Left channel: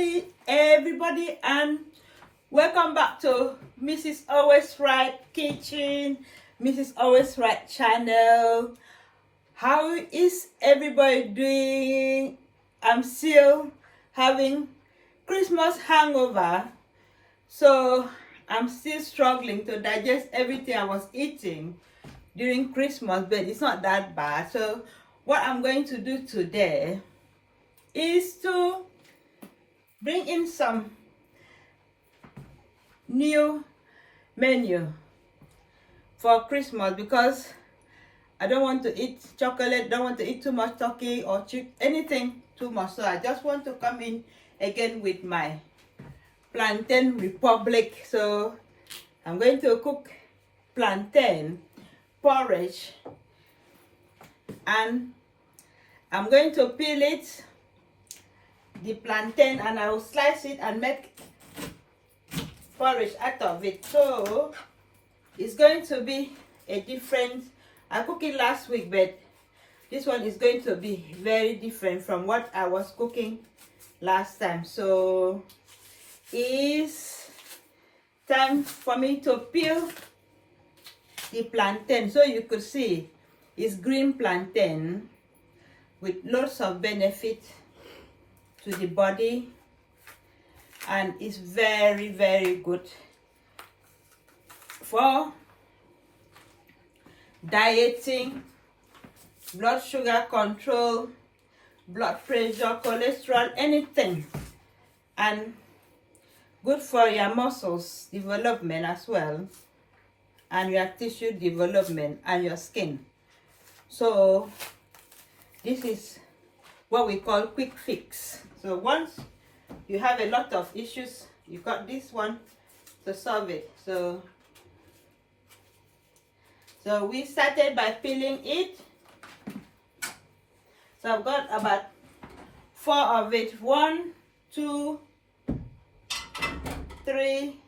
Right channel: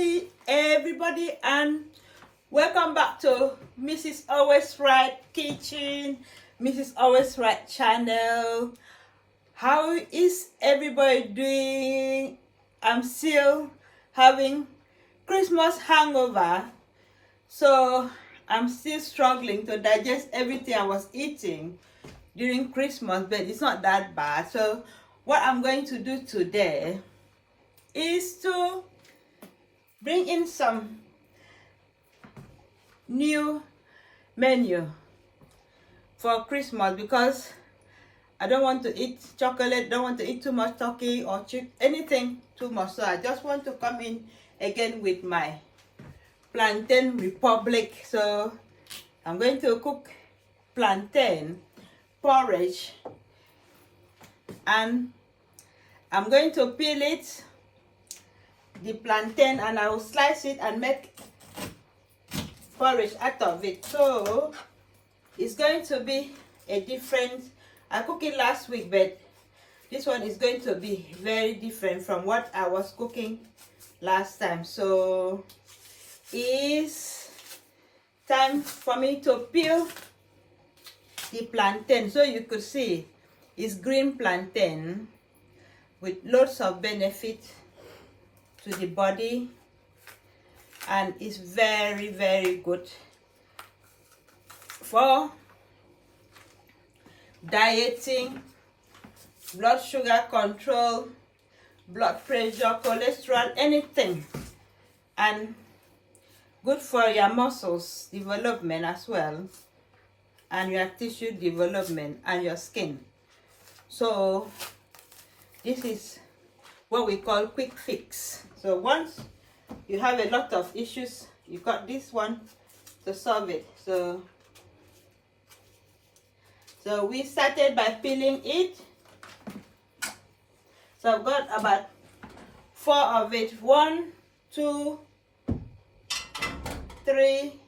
Hi everybody, and welcome back to Mrs. Always Right Kitchen, Mrs. Always Right channel. How is everybody doing? I'm still having Christmas hangover, so I'm still struggling to digest everything I was eating during Christmas, but it's not that bad. So what I'm going to do today is to bring in some new menu for Christmas, because I don't want to eat chocolate, don't want to eat too much turkey or anything too much. So I just want to come in again with my plantain republic. So I'm going to cook plantain porridge, and I'm going to peel it, the plantain, and I will slice it and make porridge out of it. So it's going to be a different, I cooked it last week, but this one is going to be very different from what I was cooking last time. So it's time for me to peel the plantain. So you could see it's green plantain with lots of benefit to the body, and it's very good for dieting, blood sugar control, blood pressure, cholesterol, anything, and good for your muscles development as well, and your tissue development and your skin. So this is what we call quick fix. So once you have a lot of issues, you got this one to solve it. So we started by peeling it. So I've got about 4 of it. 1, 2, 3,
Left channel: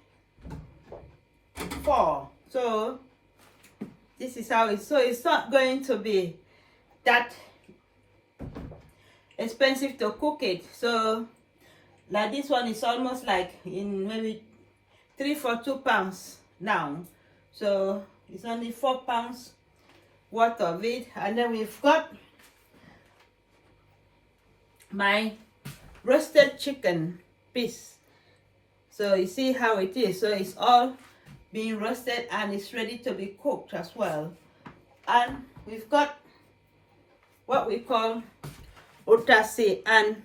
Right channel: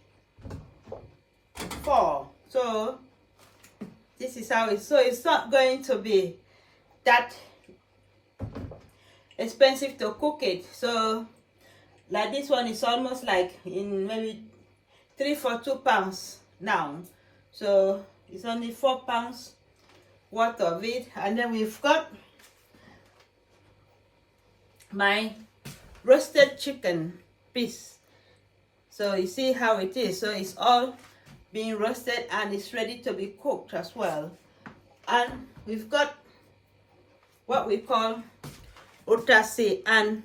4. So this is how it's, so it's not going to be that expensive to cook it. So like this one is almost like in maybe 3 for 2 pounds now. So it's only 4 pounds worth of it. And then we've got my roasted chicken piece. So you see how it is. So it's all being roasted and it's ready to be cooked as well. And we've got what we call otase, and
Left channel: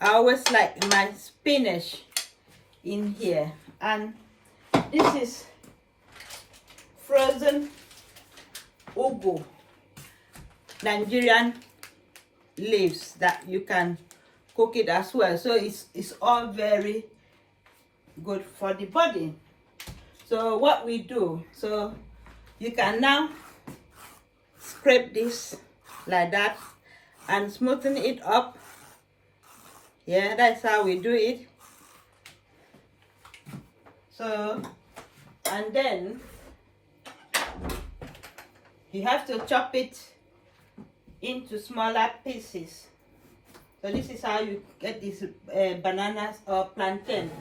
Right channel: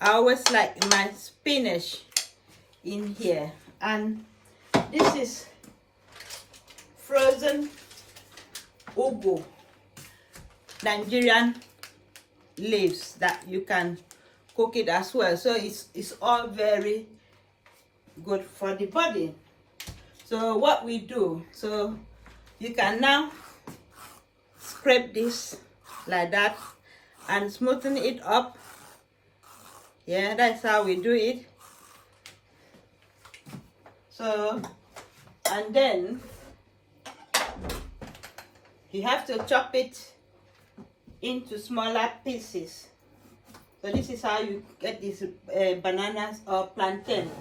I always like my spinach in here. And this is frozen ugu, Nigerian leaves that you can cook it as well. So it's all very good for the body. So what we do, so you can now scrape this like that and smoothen it up. Yeah, that's how we do it. So, and then you have to chop it into smaller pieces. So this is how you get these bananas or plantain.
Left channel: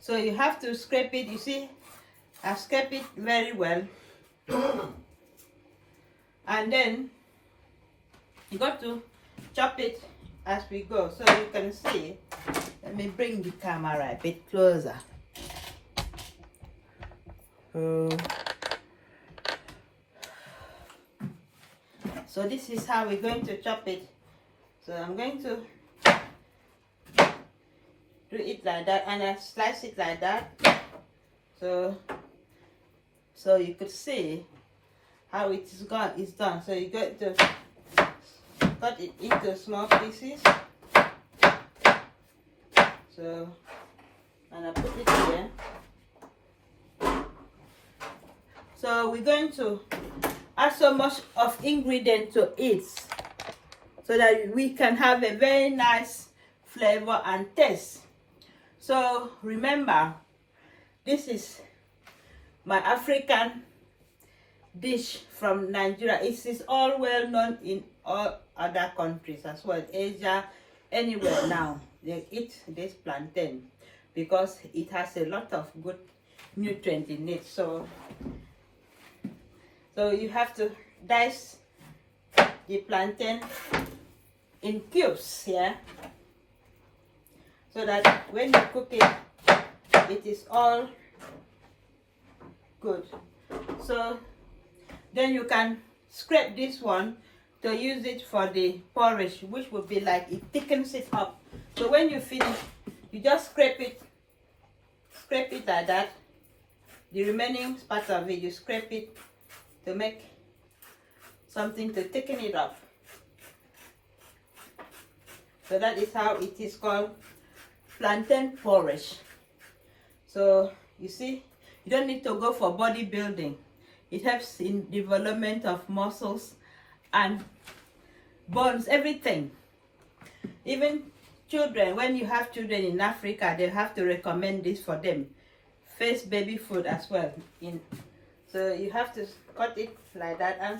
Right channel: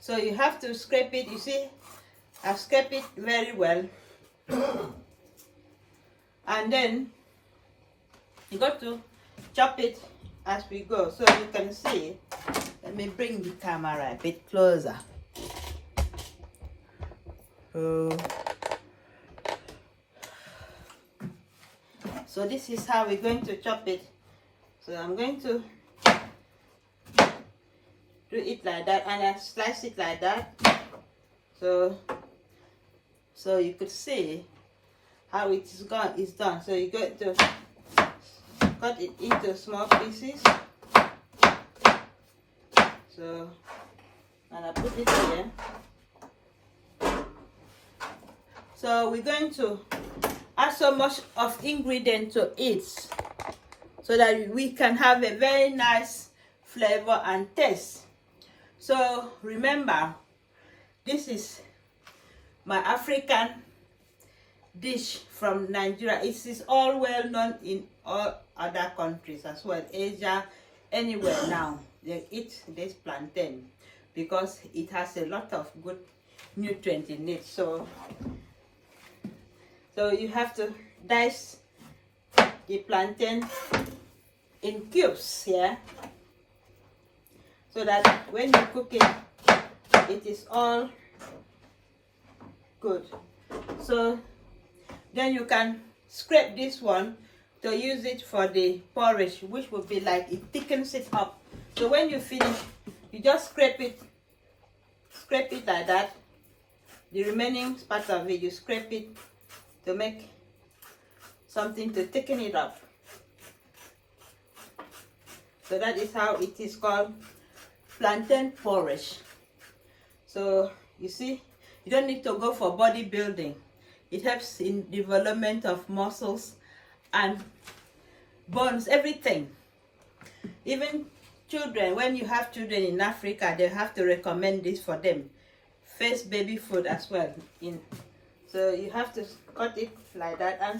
So you have to scrape it. You see, I've scraped it very well. And then you got to chop it as we go. So you can see, let me bring the camera a bit closer. So this is how we're going to chop it. So I'm going to do it like that, and I slice it like that. So you could see how it's done. So you got to cut it into small pieces. So, and I put it here. So we're going to add so much of ingredient to it so that we can have a very nice flavor and taste. So remember, this is my African dish from Nigeria. It is all well known in all other countries as well, Asia, anywhere now, they eat this plantain because it has a lot of good nutrients in it. So you have to dice the plantain in cubes here, so that when you cook it, it is all good. So then you can scrape this one to use it for the porridge, which would be like, it thickens it up. So when you finish, you just scrape it like that. The remaining part of it, you scrape it to make something to thicken it up. So that is how it is called plantain porridge. So you see, you don't need to go for bodybuilding. It helps in development of muscles and bones, everything. Even children, when you have children in Africa, they have to recommend this for them. First baby food as well. So you have to cut it like that, and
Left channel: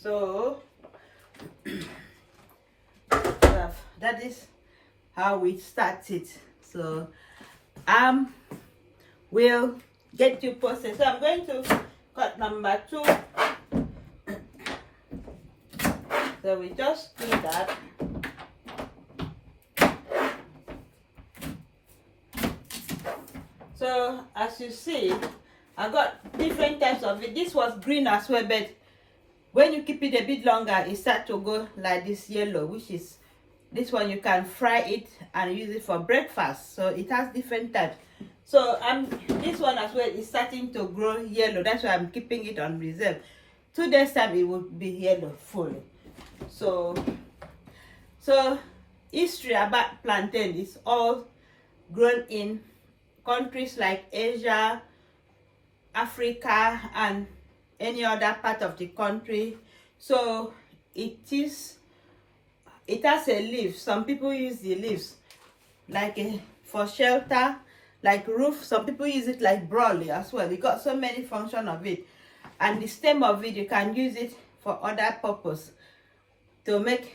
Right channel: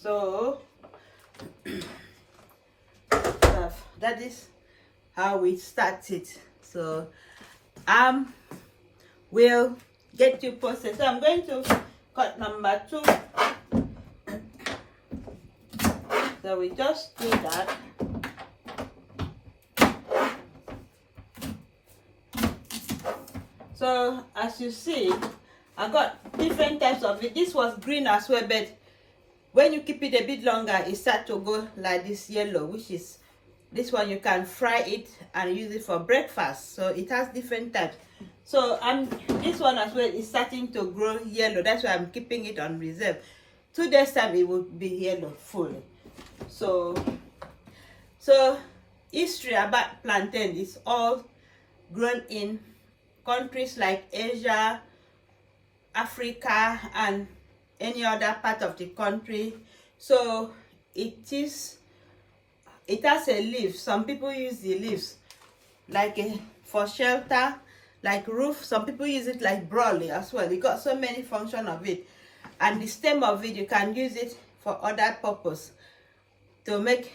so that is how we started. So we'll get you posted. So I'm going to cut number 2. So we just do that. So as you see, I got different types of it. This was green as well, but when you keep it a bit longer, it starts to go like this yellow, which is this one. You can fry it and use it for breakfast. So it has different types. So this one as well is starting to grow yellow. That's why I'm keeping it on reserve. 2 days time it will be yellow fully. So history about plantain is all grown in countries like Asia, Africa, and any other part of the country. So it has a leaf. Some people use the leaves like for shelter, like roof. Some people use it like broadly as well. It got so many functions of it. And the stem of it, you can use it for other purpose. To make,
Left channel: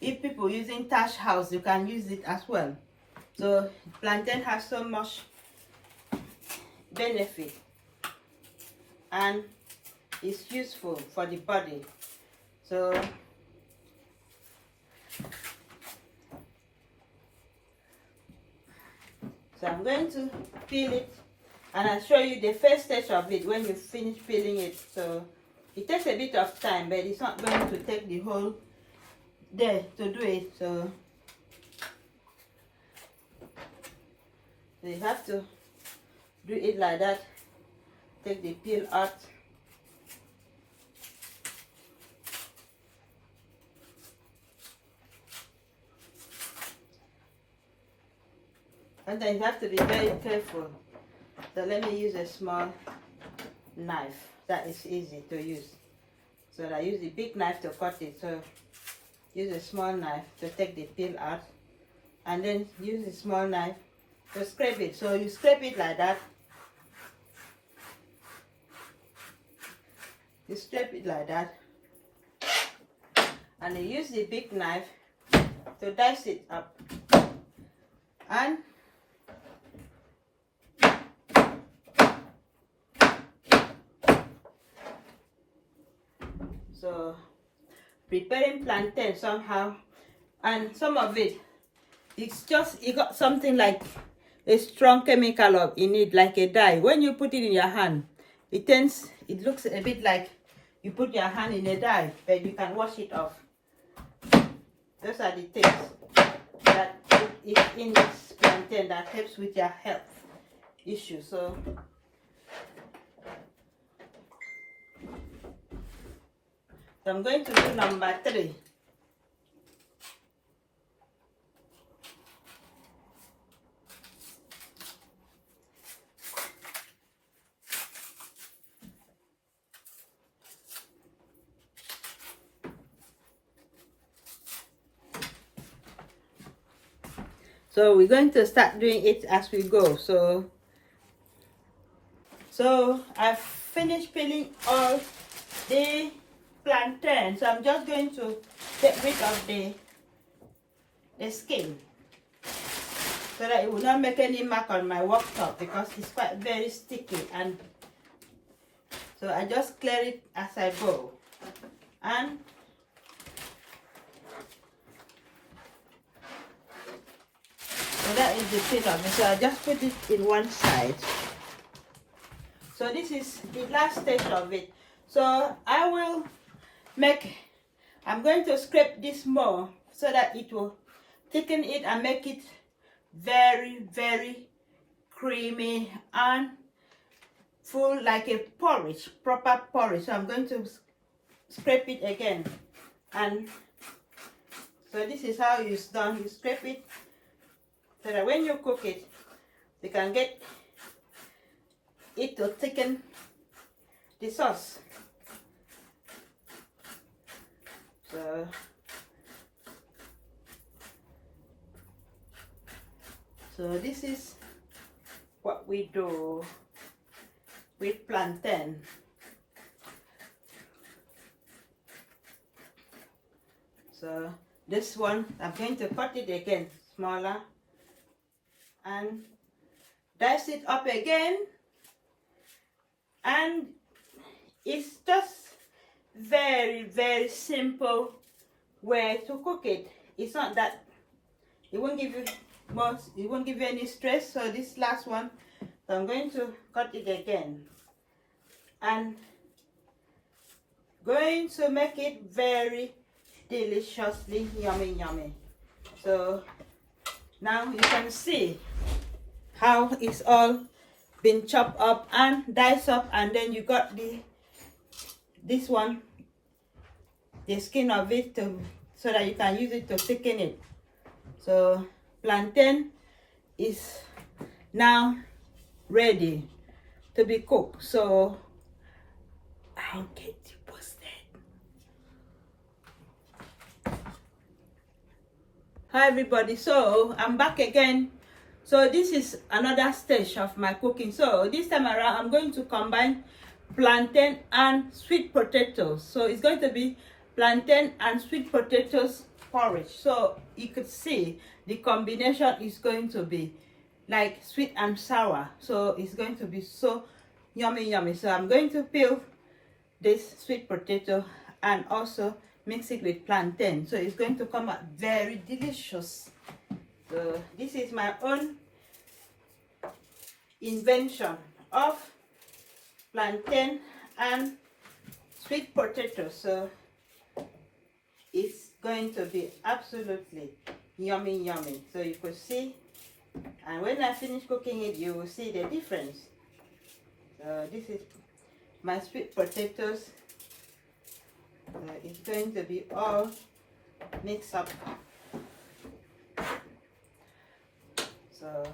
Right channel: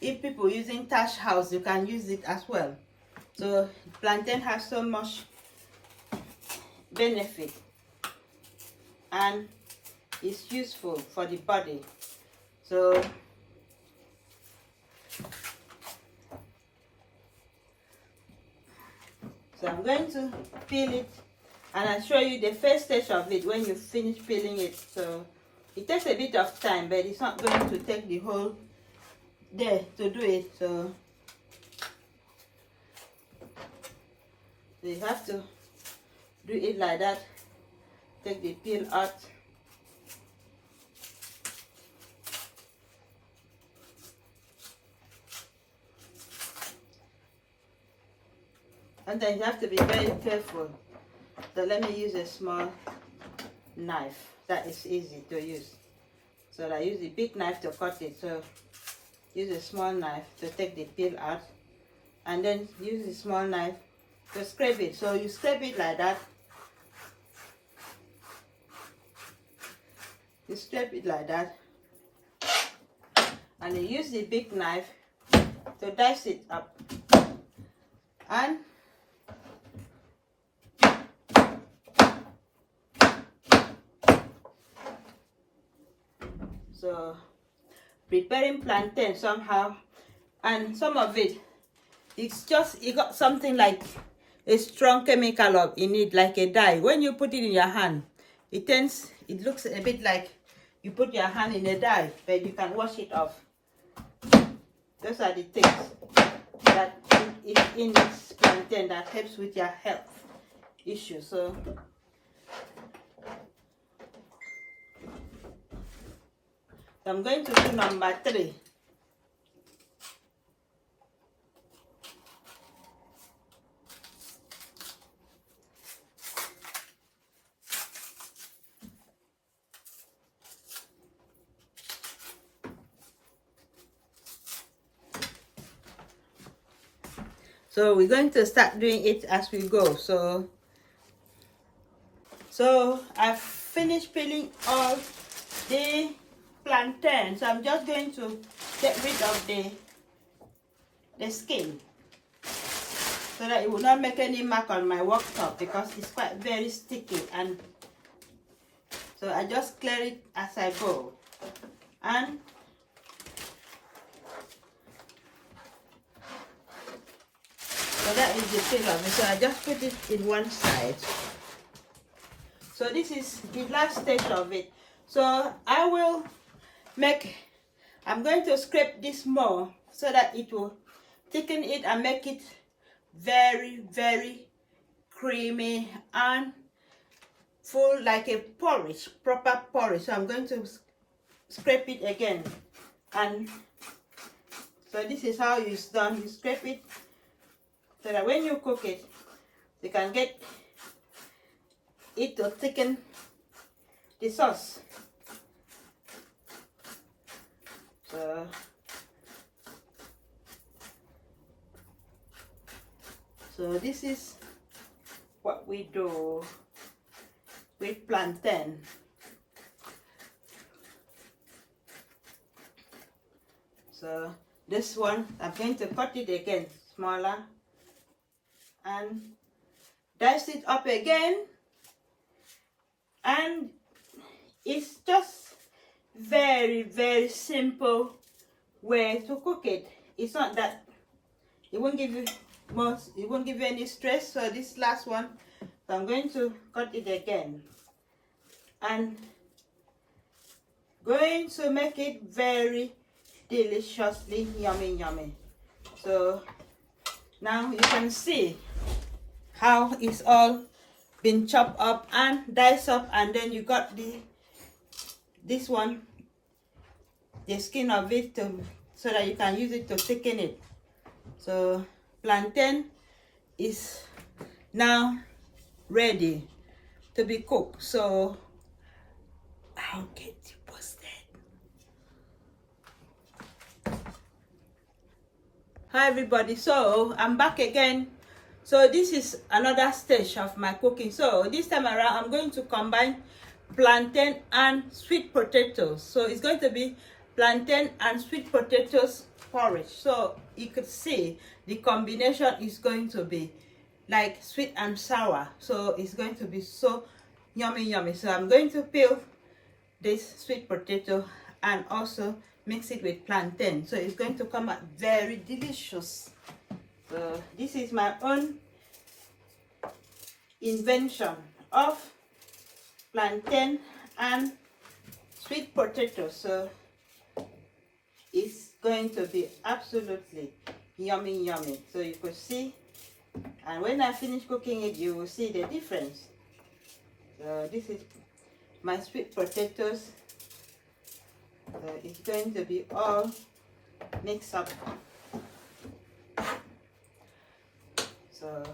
if people using thatch house, you can use it as well. So plantain has so much benefit and it's useful for the body. So I'm going to peel it, and I'll show you the first stage of it when you finish peeling it. So it takes a bit of time, but it's not going to take the whole day to do it. So you have to do it like that. Take the peel out. And then you have to be very careful. So let me use a small knife. That is easy to use. So I use the big knife to cut it. So use a small knife to take the peel out. And then use a small knife to scrape it. So you scrape it like that. You scrape it like that. And you use the big knife to dice it up. And so preparing plantain somehow, and some of it, it got something like a strong chemical in it, like a dye. When you put it in your hand, it looks a bit like you put your hand in a dye, but you can wash it off. Those are the things that is in this plantain that helps with your health issues. So I'm going to do number 3. So we're going to start doing it as we go. So I've finished peeling all the plantain, so I'm just going to get rid of the skin so that it will not make any mark on my worktop, because it's quite very sticky, and so I just clear it as I go. And so that is the peel of it. So I just put it in one side. So this is the last stage of it. So I'm going to scrape this more so that it will thicken it and make it very, very creamy and full, like a porridge, proper porridge. So I'm going to scrape it again. And so this is how it's done. You scrape it so that when you cook it, you can get it to thicken the sauce. So this is what we do with plantain. So this one, I'm going to cut it again smaller and dice it up again, and it's just very, very simple way to cook it. It's not that it won't give you most, it won't give you any stress. So this last one, so I'm going to cut it again and going to make it very deliciously yummy. So now you can see how it's all been chopped up and diced up, and then you got this one, the skin of it, so that you can use it to thicken it. So plantain is now ready to be cooked. So I'll get you posted. Hi everybody, so I'm back again. So this is another stage of my cooking. So this time around I'm going to combine plantain and sweet potatoes. So it's going to be plantain and sweet potatoes porridge. So you could see the combination is going to be like sweet and sour. So it's going to be so yummy. So I'm going to peel this sweet potato and also mix it with plantain. So it's going to come out very delicious. So this is my own invention of plantain and sweet potato. So it's going to be absolutely yummy. So you could see, and when I finish cooking it, you will see the difference. So this is my sweet potatoes. It's going to be all mixed up. So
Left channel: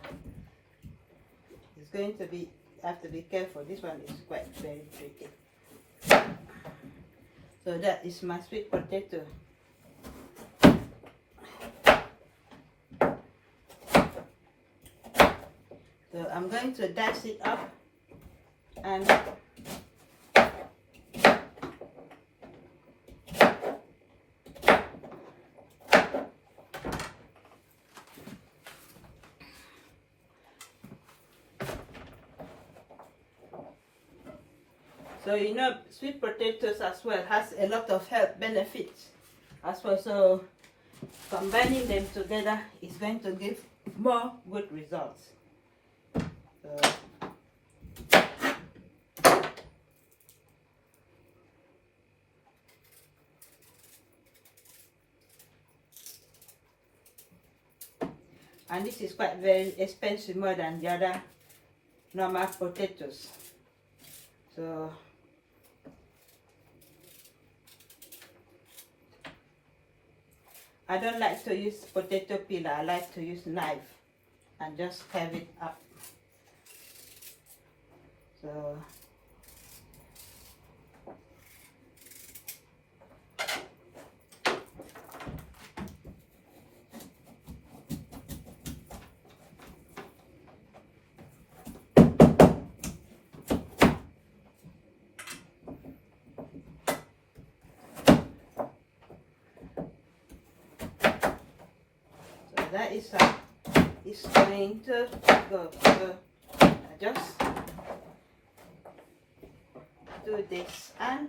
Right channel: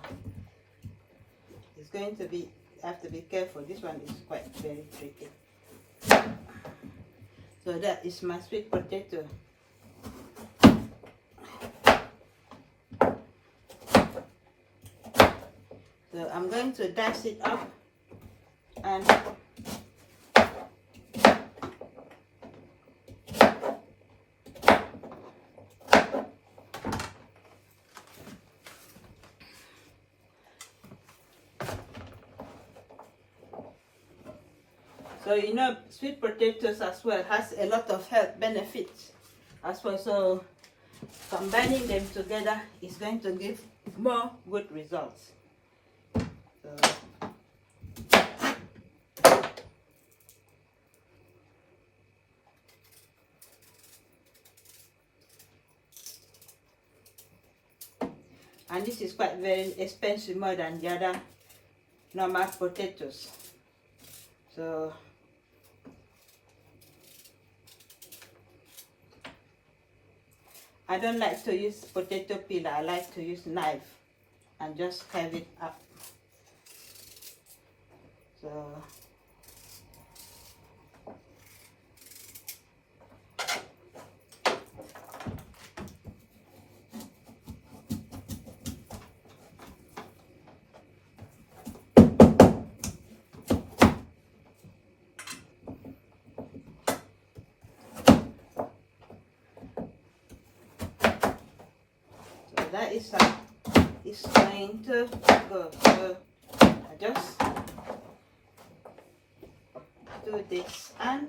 it's going to be, I have to be careful. This one is quite very tricky. So that is my sweet potato. So I'm going to dice it up and so you know, sweet potatoes as well has a lot of health benefits as well. So combining them together is going to give more good results. So, and this is quite very expensive, more than the other normal potatoes. So I don't like to use potato peeler. I like to use knife and just carve it up. So that is how it's going to go. So I just do this and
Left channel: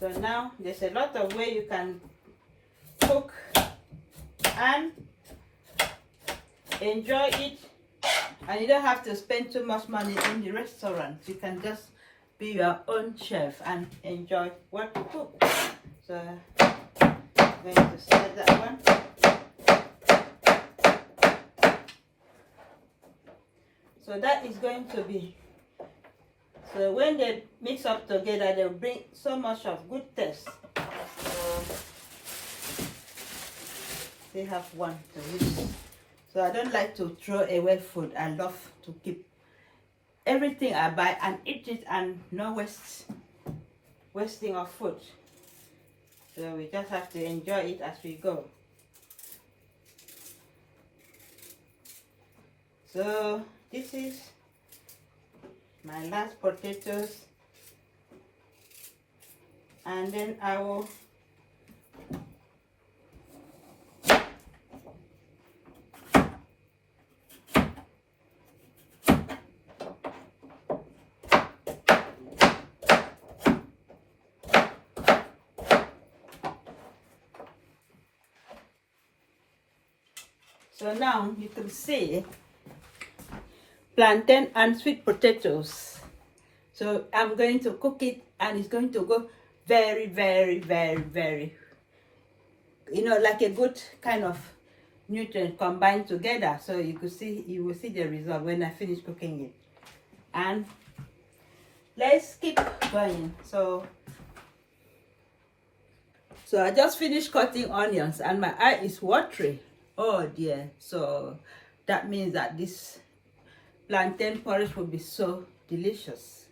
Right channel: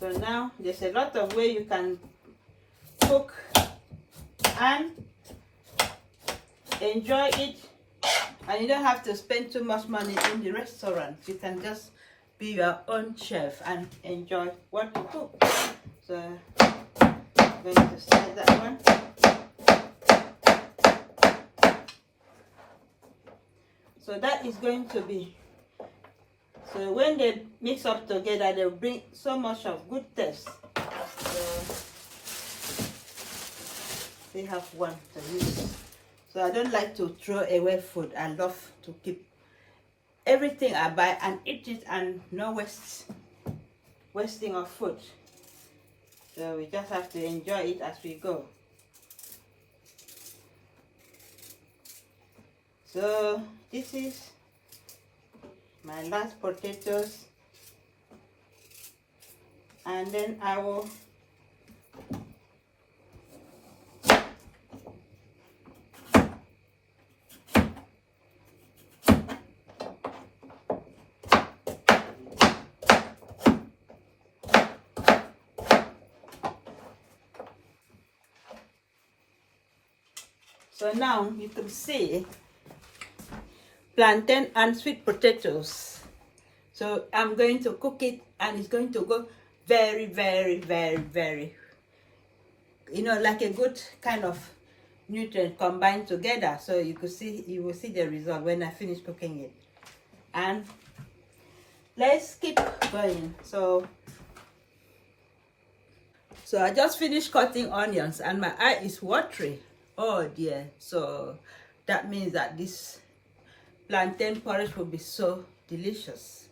so now there's a lot of way you can cook and enjoy it, and you don't have to spend too much money in the restaurant. You can just be your own chef and enjoy what you cook. So I'm going to set that one. So that is going to be, so when they mix up together, they bring so much of good taste. They have one to use. So I don't like to throw away food. I love to keep everything I buy and eat it, and no wasting of food. So we just have to enjoy it as we go. So this is my last potatoes, and then I will so now you can see plantain and sweet potatoes. So I'm going to cook it, and it's going to go very, very, very, very, like a good kind of nutrient combined together. So you will see the result when I finish cooking it. And let's keep going. So I just finished cutting onions, and my eye is watery. Oh dear. So that means that this plantain porridge will be so delicious.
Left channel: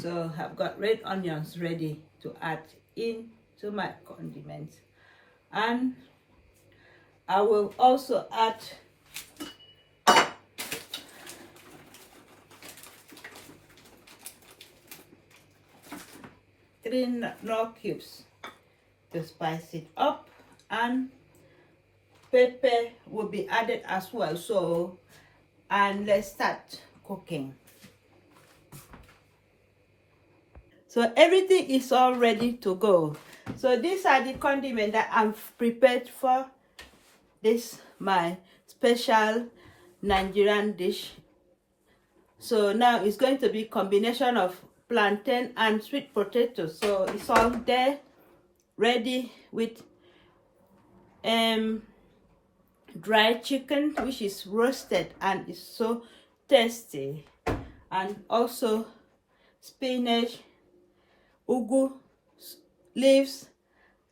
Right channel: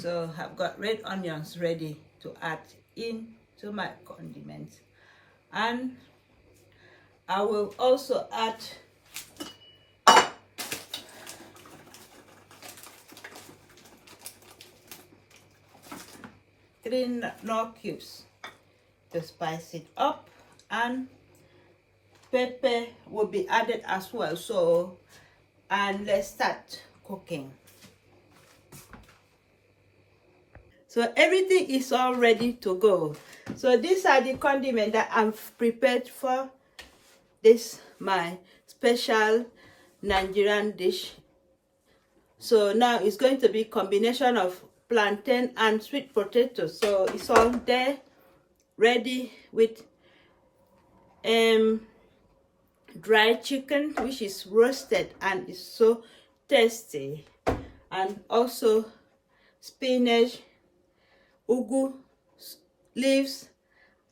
So I've got red onions ready to add into my condiments, and I will also add three knorr cubes to spice it up, and pepper will be added as well. So, and let's start cooking. So everything is all ready to go. So these are the condiments that I've prepared for this my special Nigerian dish. So now it's going to be combination of plantain and sweet potato. So it's all there ready with dried chicken, which is roasted and is so tasty, and also spinach, ugu leaves,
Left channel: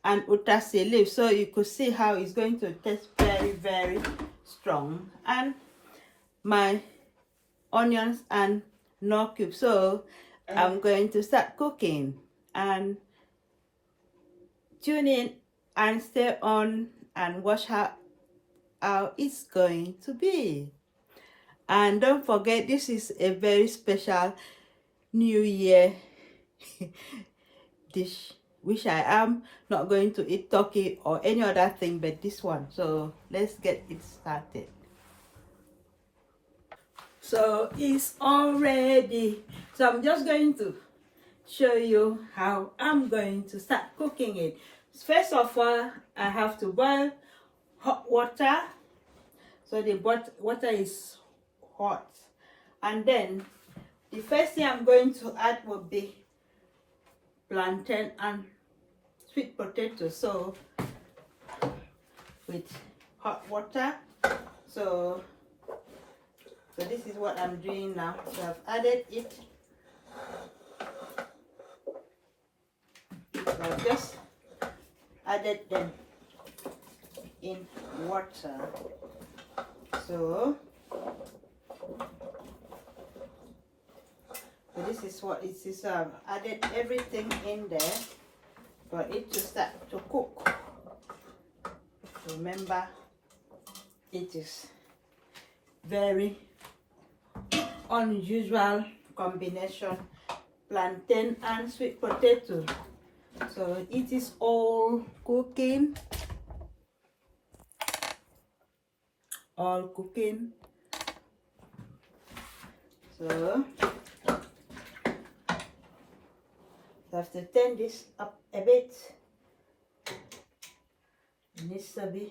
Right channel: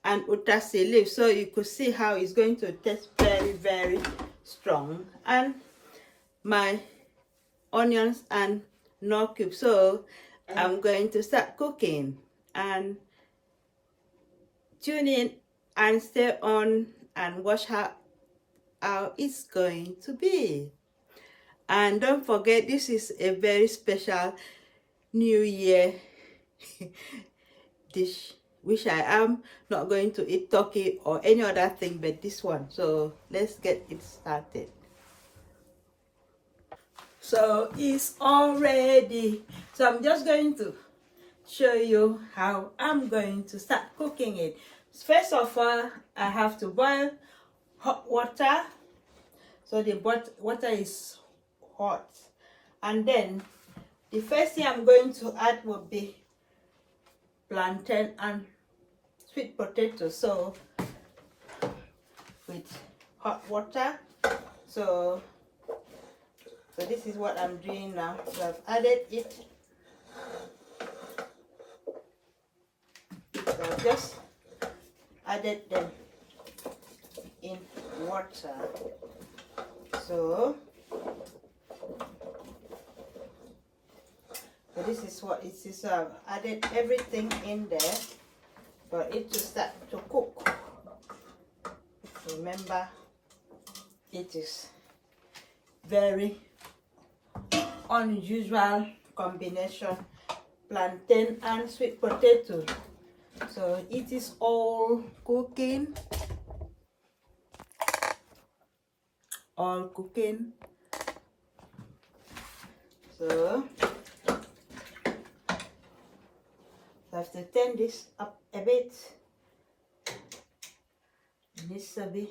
and utase leaves. So you could see how it's going to taste very, very strong. And my onions and knorr cubes. So I'm going to start cooking, and tune in and stay on and watch how it's going to be. And don't forget, this is a very special New Year dish, which I am not going to eat turkey or any other thing but this one. So let's get it started. So it's all ready. So I'm just going to show you how I'm going to start cooking it. First of all, I have to boil hot water. So the water is hot, and then the first thing I'm going to add will be plantain and sweet potato. So with hot water, so this is what I'm doing now. So I've added it. So I've just added them. water. So this is what it is. Added everything in there for it to start to cook. Remember, it is very unusual combination, plantain and sweet potato. So it is all cooking, So I have to turn this up a bit. It needs to be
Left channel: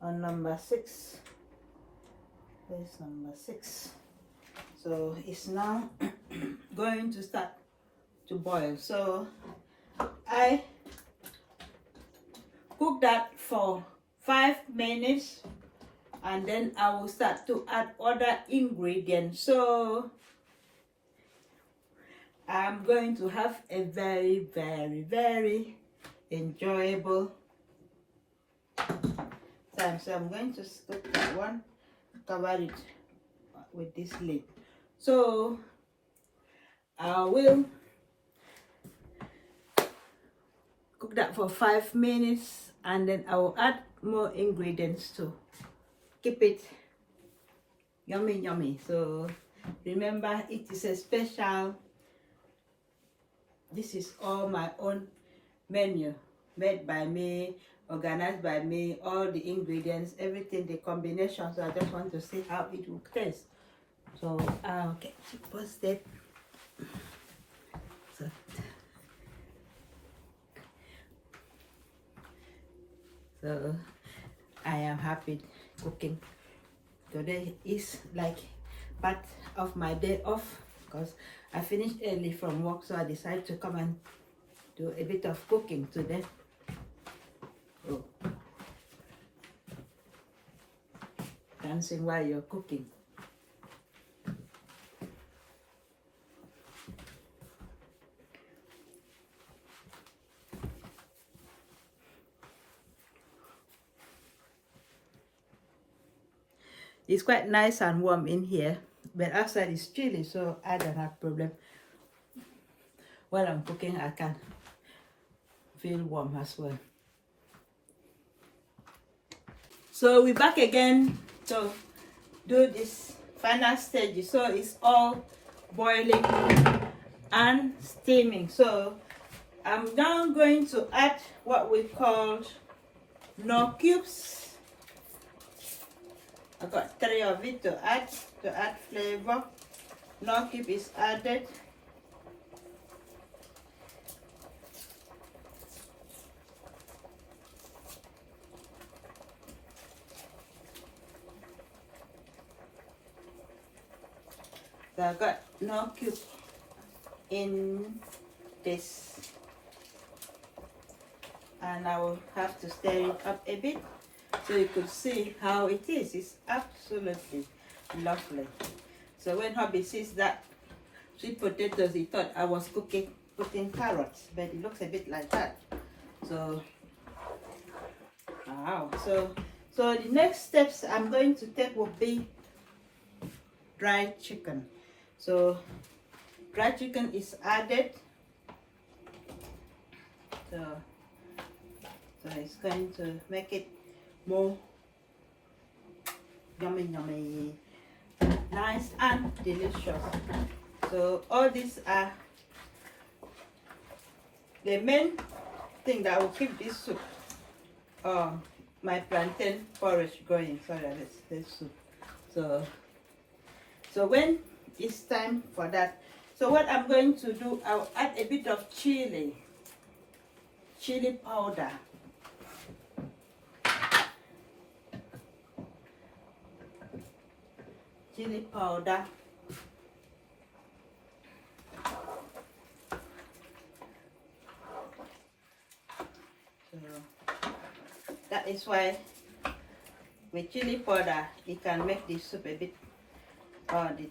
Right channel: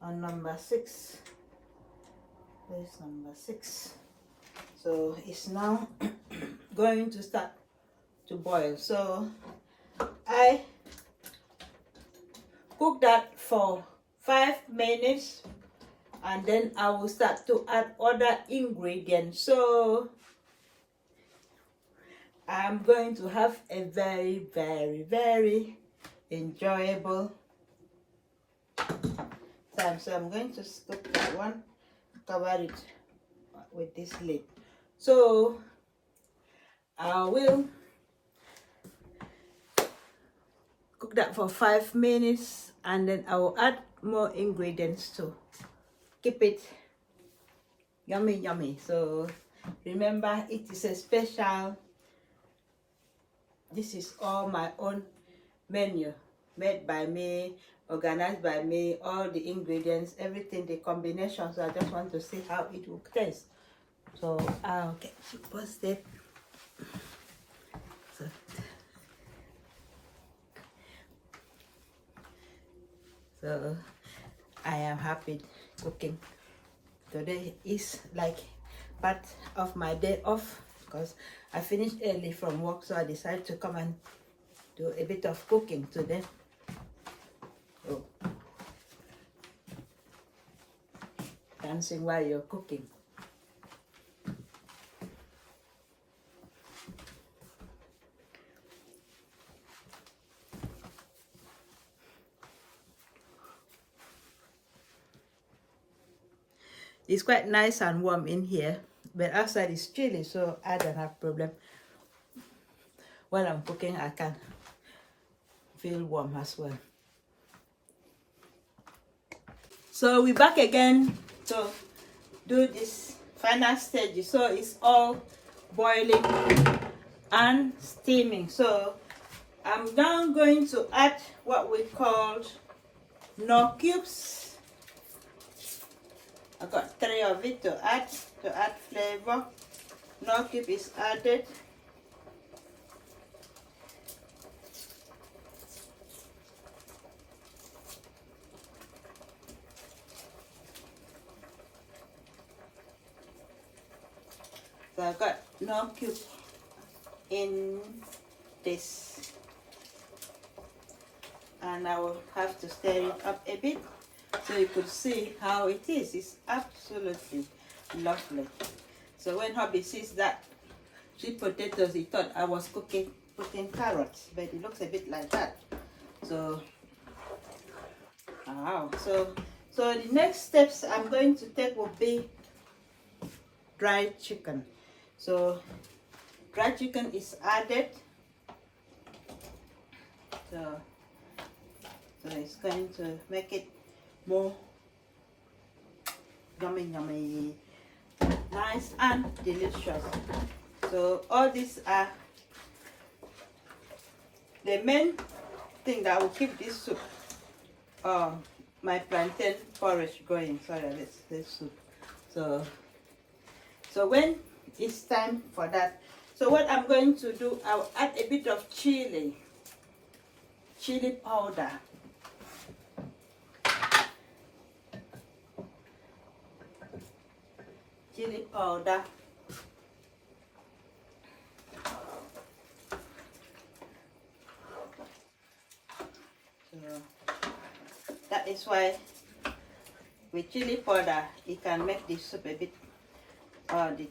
on number 6. There's number 6. So it's now going to start to boil. So I cook that for 5 minutes, and then I will start to add other ingredients. So I'm going to have a very, very, very enjoyable time. So I'm going to cook that one, cover it with this lid. So I will cook that for 5 minutes, and then I will add more ingredients to keep it yummy, yummy. So remember, it is a special. This is all my own menu, made by me, organized by me, all the ingredients, everything, the combination. So I just want to see how it will taste. So I'll get it posted. So I am happy cooking. Today is like part of my day off because I finished early from work, so I decided to come and do a bit of cooking today. Oh. Dancing while you're cooking. It's quite nice and warm in here, but outside it's chilly, so I don't have problem. While I'm cooking, I can feel warm as well. So we're back again to do this final stage. So it's all boiling and steaming. So I'm now going to add what we call knorr cubes. I got 3 of it to add flavor. Knorr cube is added. So I got knorr cube in this, and I will have to stir it up a bit so you could see how it is. It's absolutely lovely. So when hubby sees that sweet potatoes, he thought I was putting carrots, but it looks a bit like that. So wow. So the next steps I'm going to take will be dried chicken. So dried chicken is added. So it's going to make it more yummy, yummy, nice and delicious. So all these are the main thing that will keep this soup, my plantain porridge, going. Sorry, this soup. So when it's time for that, so what I'm going to do, I'll add a bit of chili powder. Chili powder. So that is why with chili powder it can make the soup a bit, the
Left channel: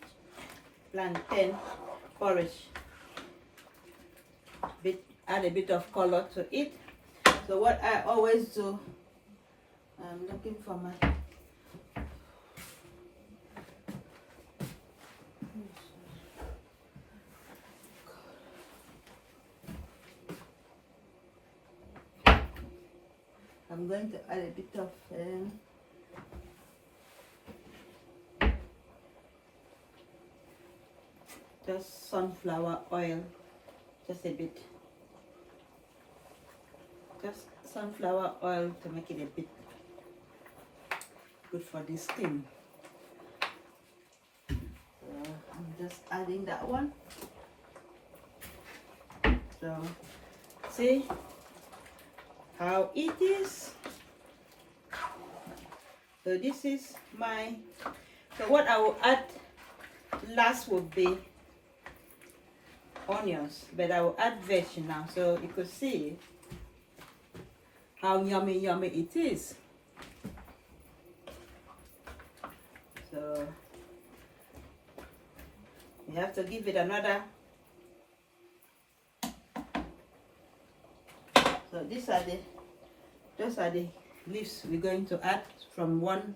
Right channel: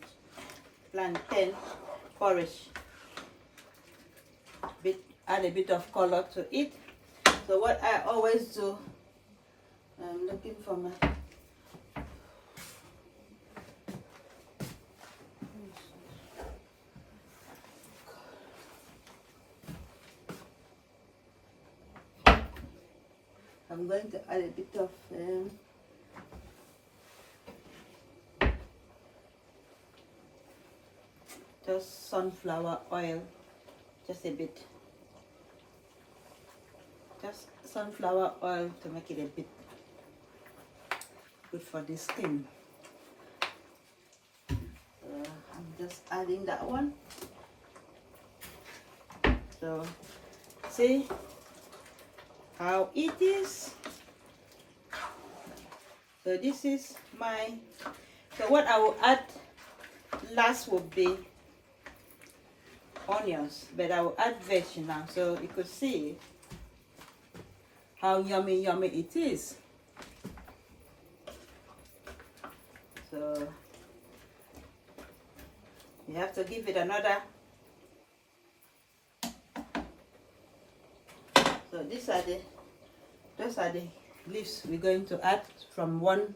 plantain porridge, add a bit of color to it. So what I always do I'm looking for my I'm going to add a bit of just sunflower oil, just a bit, just sunflower oil to make it a bit good for the skin. So I'm just adding that one. So see how it is. So this is my, so what I will add last would be onions, but I will add veg now so you could see how yummy it is. So you have to give it another. So those are the leaves we're going to add from one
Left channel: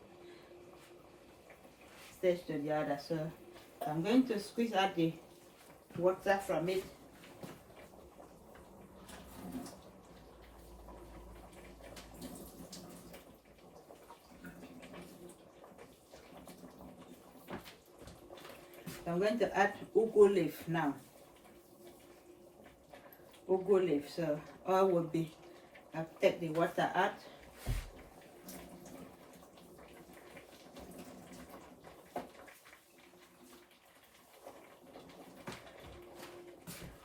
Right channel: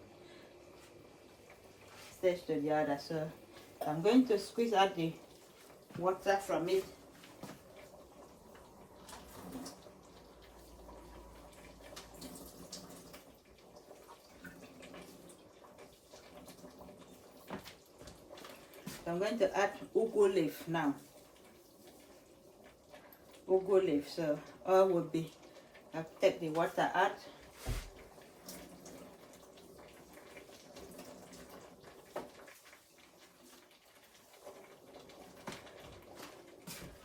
stage to the other. So I'm going to squeeze out the water from it. So I'm going to add ugu leaf now. Ugu leaf. So all will be, I'll take the water out.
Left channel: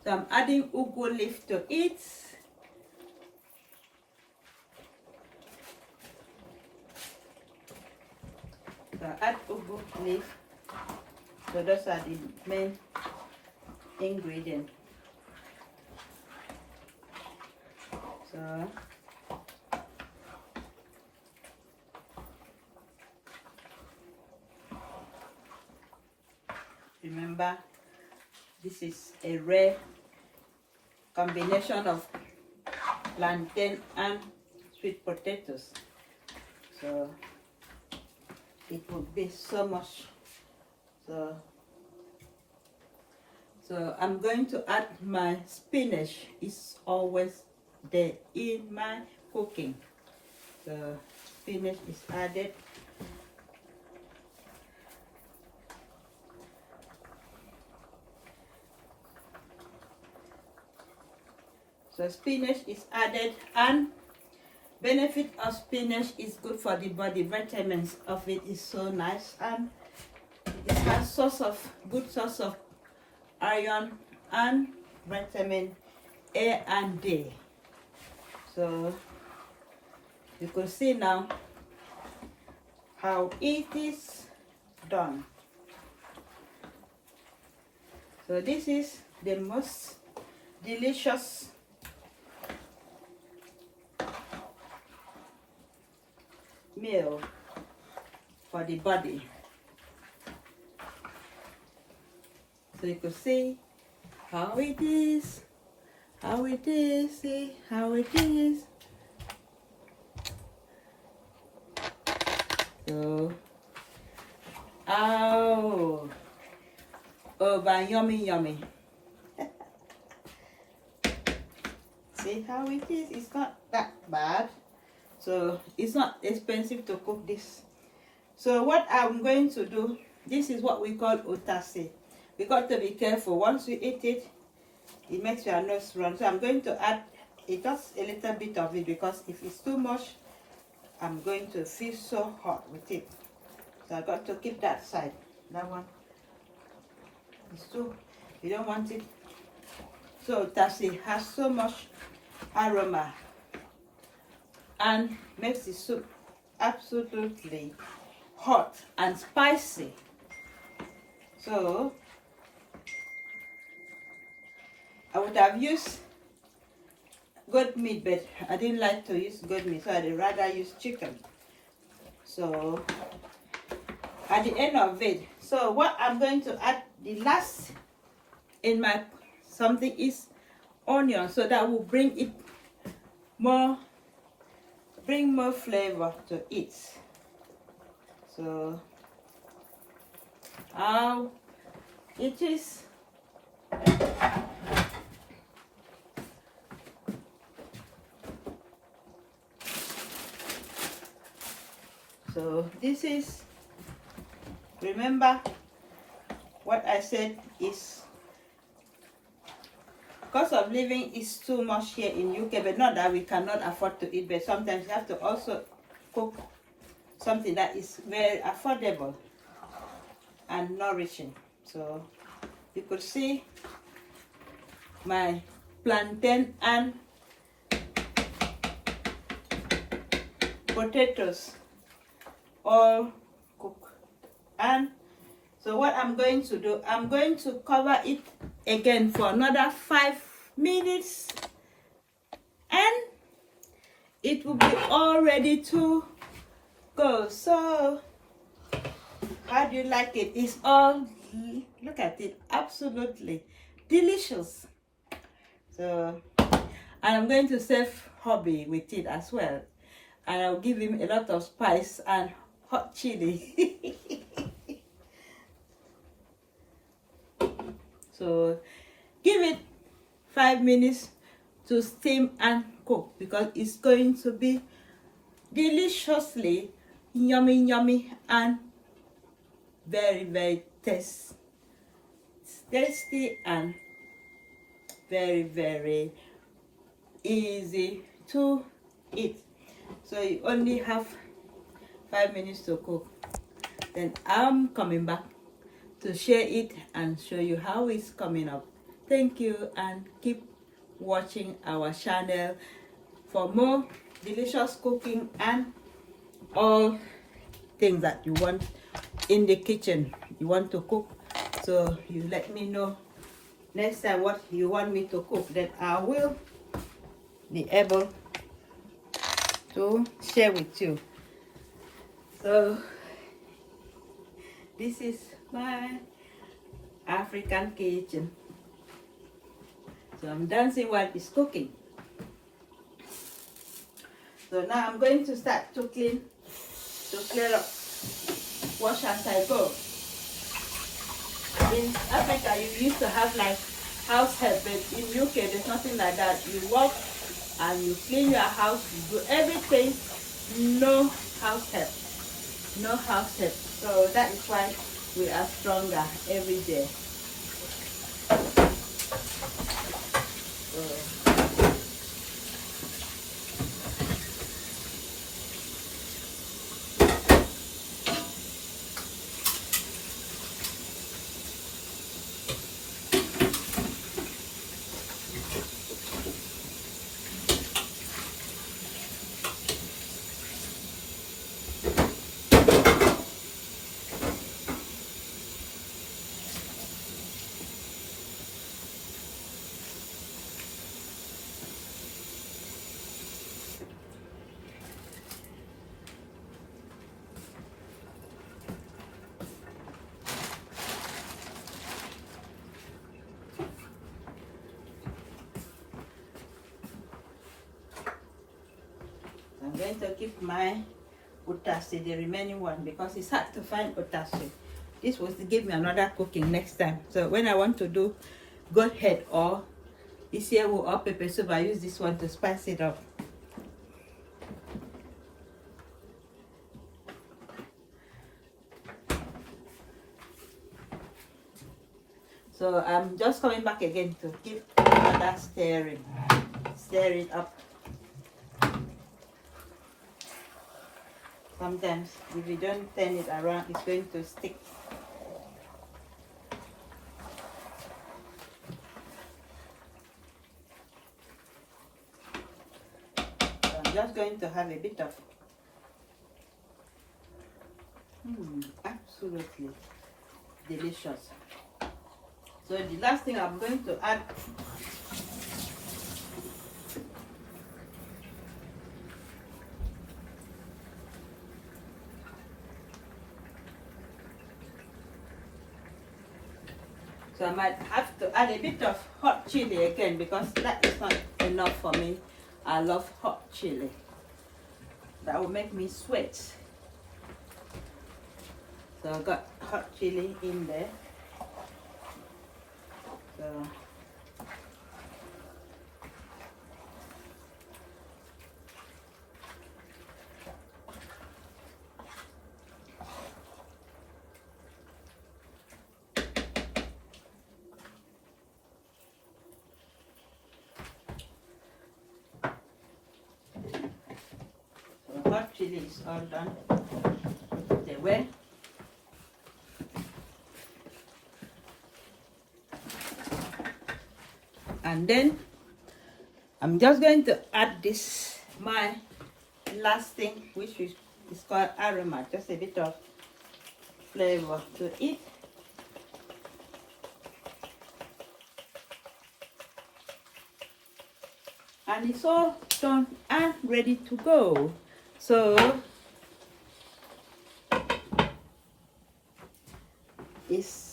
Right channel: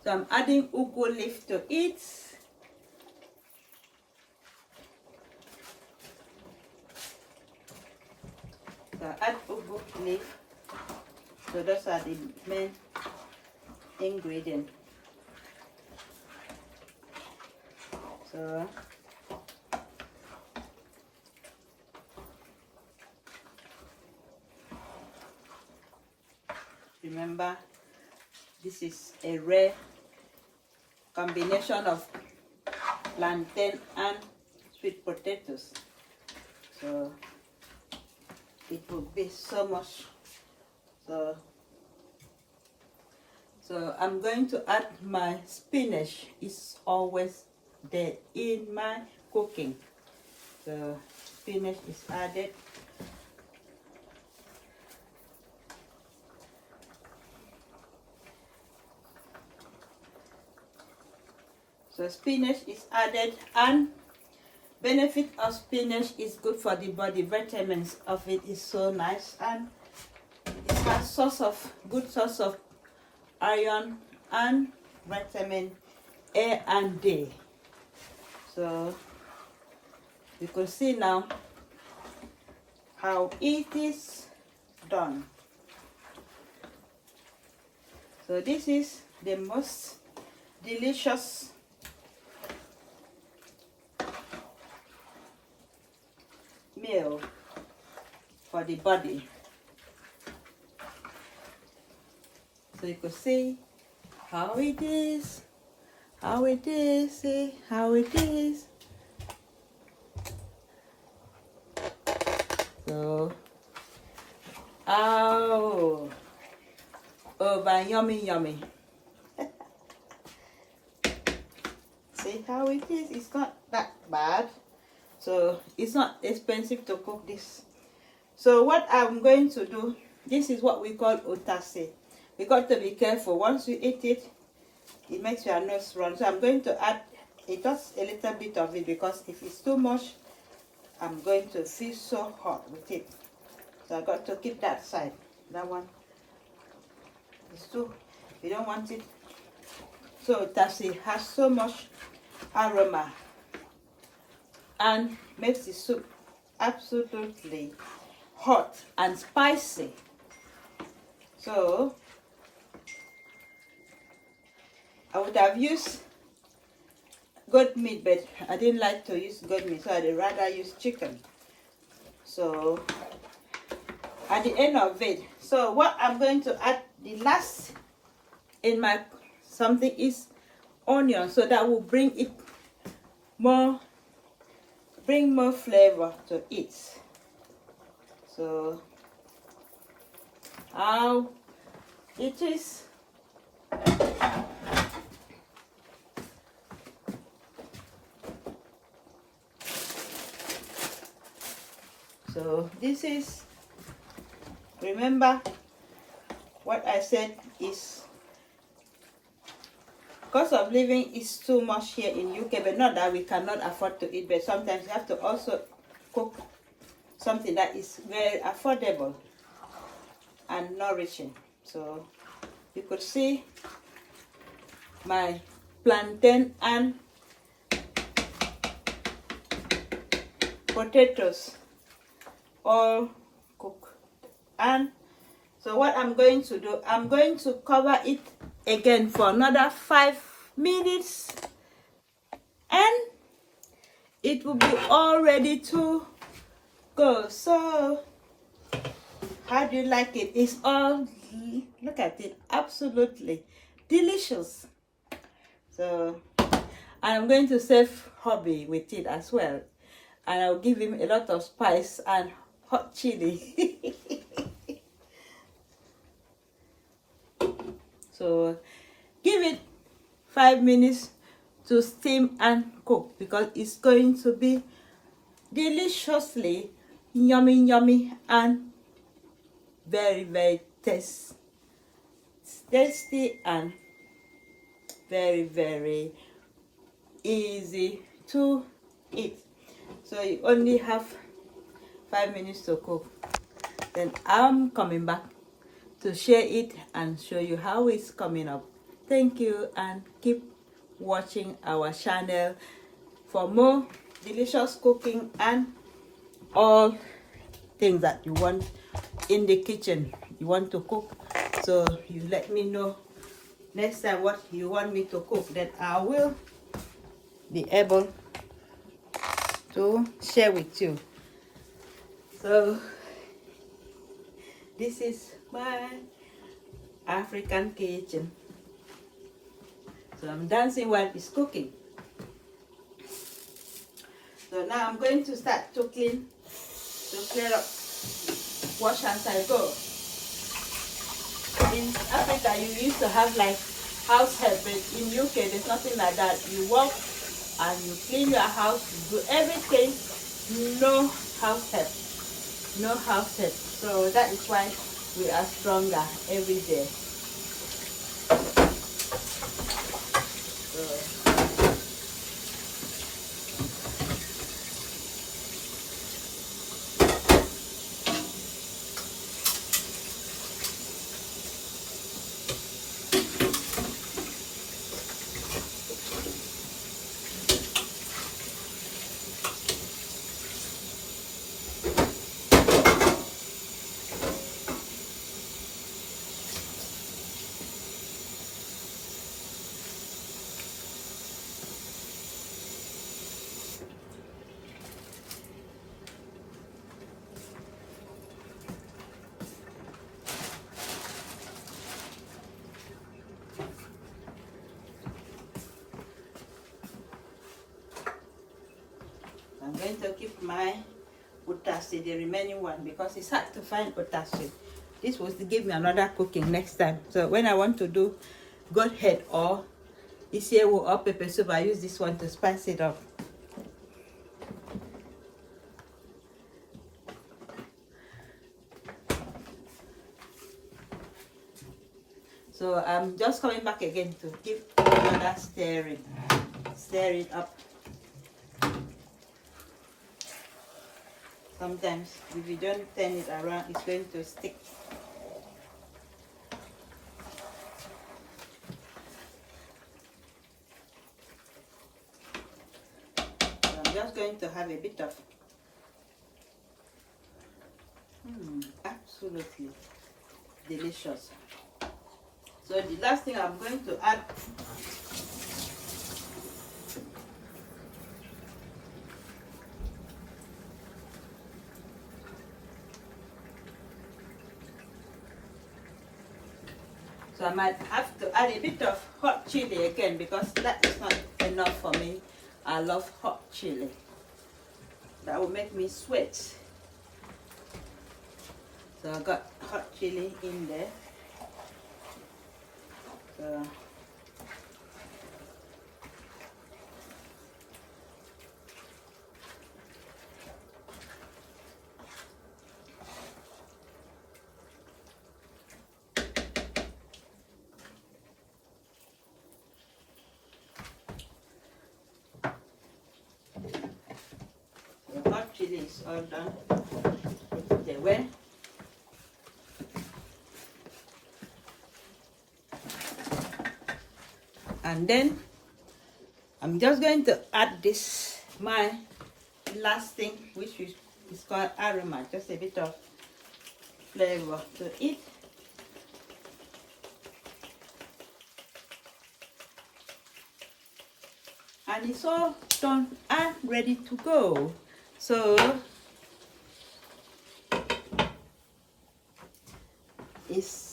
So I'm adding ugu leaf to it. So add ugu leaf. So those are the main ingredients. So remember, this is a rare combination of plantain and sweet potatoes. So it would be so much. So I'm going to add my spinach. It's always there in my cooking. So spinach is added. So spinach is added, and benefit of spinach is good for the body. Vitamins of it is so nice, and it has good source of iron and vitamin A and D. So you can see now how it is done. So this is the most delicious meal for the body. So you could see how it is, see how it is. So, oh, but yummy. See how it is, it's not that bad. So it's not expensive to cook this. So what I'm going to do, this is what we call otase. We got to be careful. Once you eat it, it makes your nose run. So I'm going to add just a little bit of it, because if it's too much, I'm going to feel so hot with it. So I got to keep that side. That one is too, you don't want it. So otase has so much aroma and makes the soup absolutely hot and spicy. So I would have used goat meat, but I didn't like to use goat meat, so I'd rather use chicken. So at the end of it, so what I'm going to add the last in my something is onion, so that will bring it more bring more flavor to it. So how it is. So this is, remember what I said is, cost of living is too much here in UK, but not that we cannot afford to eat, but sometimes you have to also cook something that is very affordable and nourishing. So you could see my plantain and potatoes all cooked. And so what I'm going to do, I'm going to cover it again for another 5 minutes, and it will be all ready to go. So how do you like it? It's all, look at it, absolutely delicious. So I'm going to serve hubby with it as well, and I'll give him a lot of spice and hot chili. So give it 5 minutes to steam and cook, because it's going to be deliciously yummy and very tasty and very easy to eat. So you only have 5 minutes to cook. Then I'm coming back to share it and show you how it's coming up. Thank you, and keep watching our channel for more delicious cooking and all things that you want in the kitchen, you want to cook. So you let me know next time what you want me to cook, then I will be able to share with you. So this is my African kitchen. So I'm dancing while it's cooking. So now I'm going to start to clear up, wash as I go. In Africa, you used to have like house help, but in UK there's nothing like that. You walk and you clean your house, you do everything, no house help. No house help. So that is why we are stronger every day. So, I'm going to keep my utasi, the remaining one, because it's hard to find utasi. This was to give me another cooking next time. So when I want to do goat head or this year or pepper soup, I use this one to spice it up. So I'm just coming back again to give another stirring. Stir it up. Sometimes if you don't turn it around, it's going to stick. So I'm just going to have a bit of absolutely delicious. So the last thing I'm going to add so I might have to add a bit of hot chili again, because that is not enough for me. I love hot chili. that will make me sweat. So I got hot chili in there. So hot chili is all done. Put it away. And then I'm just going to add this, my last thing, which is called aroma, just a bit of flavor to it. And it's all done and ready to go. So it's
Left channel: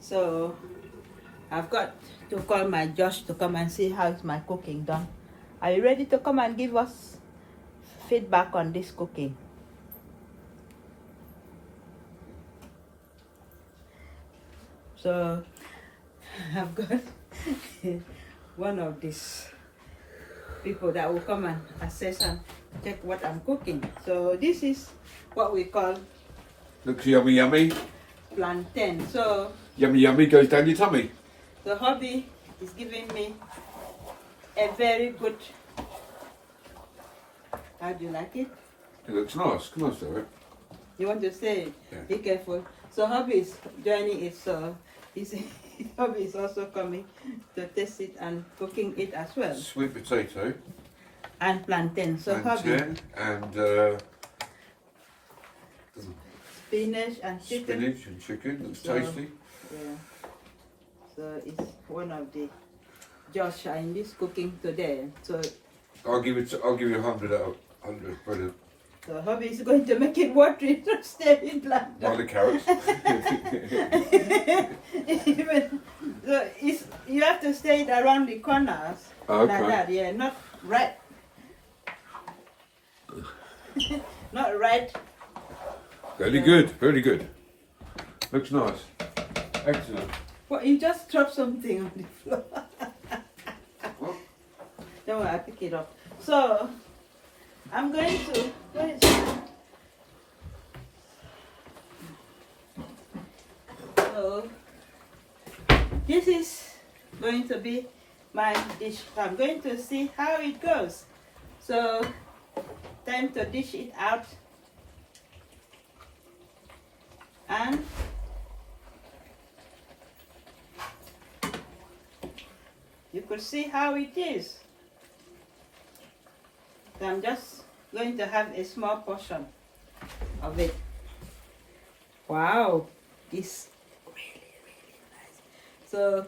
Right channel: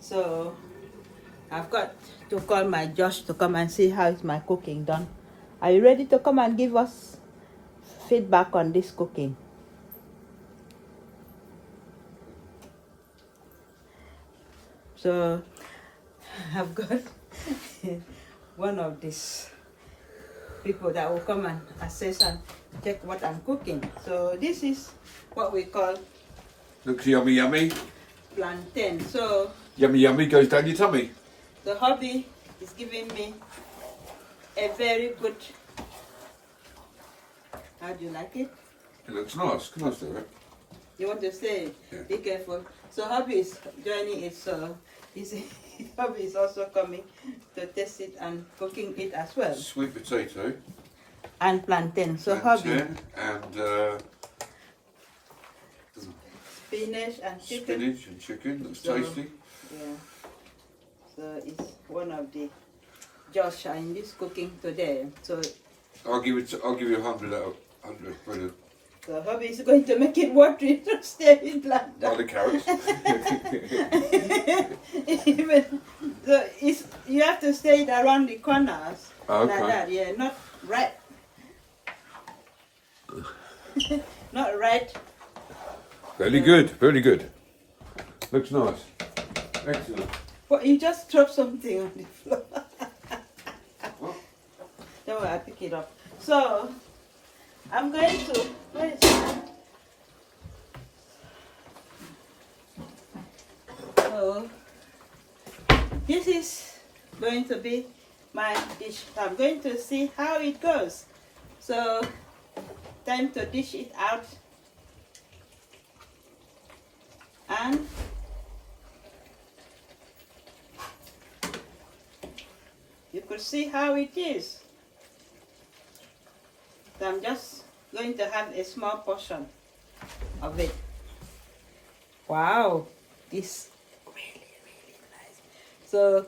so I've got to call my Josh to come and see how is my cooking done. Are you ready to come and give us feedback on this cooking? So I've got one of these people that will come and assess and check what I'm cooking. So this is what we call Looks yummy, yummy. plantain. So Yummy, yummy goes down your tummy. the hubby is giving me a very good. How do you like it? It looks nice. Come on, Stuart. You want to say? Yeah. Be careful. So hubby is joining it. So his hubby is also coming to taste it and cooking it as well. Sweet potato. And plantain. So hubby, plantain and spinach and chicken. spinach and chicken. Looks So, tasty. Yeah. So it's one of the Josh in this cooking today. So I'll give you 100 out of 100. Brilliant. the hubby is going to make it watery to stay in plantain. Like the carrots. Even so you have to stay it around the corners. Okay. Like that, yeah, not right. Not right. Very good. Very good. Looks nice. Excellent. Well, you just dropped something on the floor. What? Don't worry, I'll pick it up. So I'm going to, where is it? So this is going to be my dish. I'm going to see how it goes. So time to dish it out. And you could see how it is. So I'm just going to have a small portion of it. Wow, it's really, really nice. So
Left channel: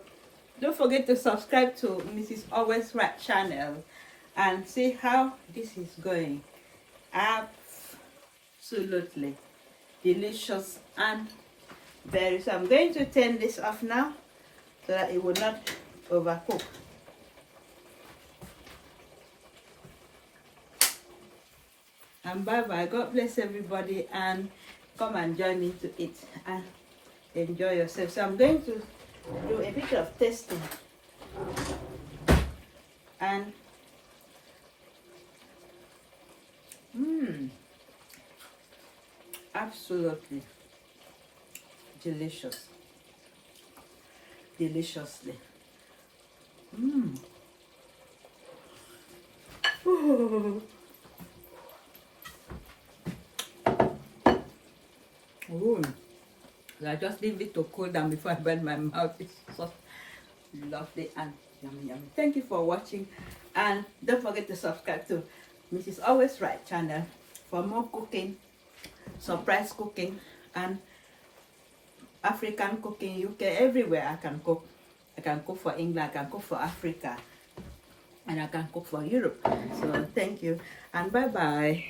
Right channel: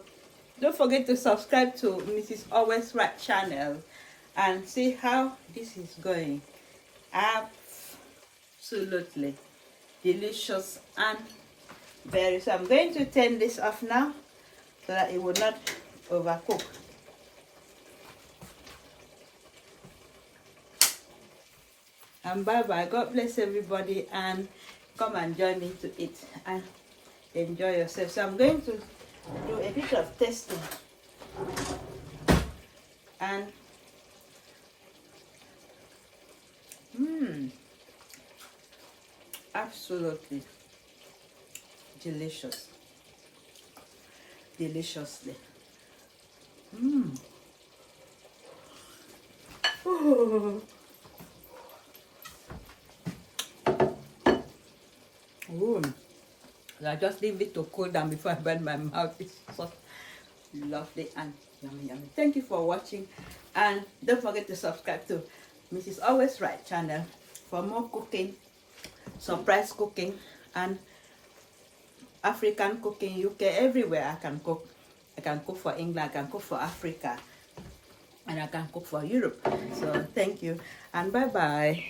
don't forget to subscribe to Mrs. Always Right channel and see how this is going. Absolutely delicious and very. So I'm going to turn this off now so that it will not overcook. And bye bye. God bless everybody and come and join me to eat and enjoy yourself. So I'm going to do a bit of testing and absolutely delicious. Deliciously. Ooh. I just leave it to cool down before I burn my mouth. It's so lovely and yummy, yummy. Thank you for watching, and don't forget to subscribe to Mrs. Always Right channel for more cooking, surprise cooking, and African cooking, UK, everywhere I can cook. I can cook for England, I can cook for Africa, and I can cook for Europe. So thank you and bye bye.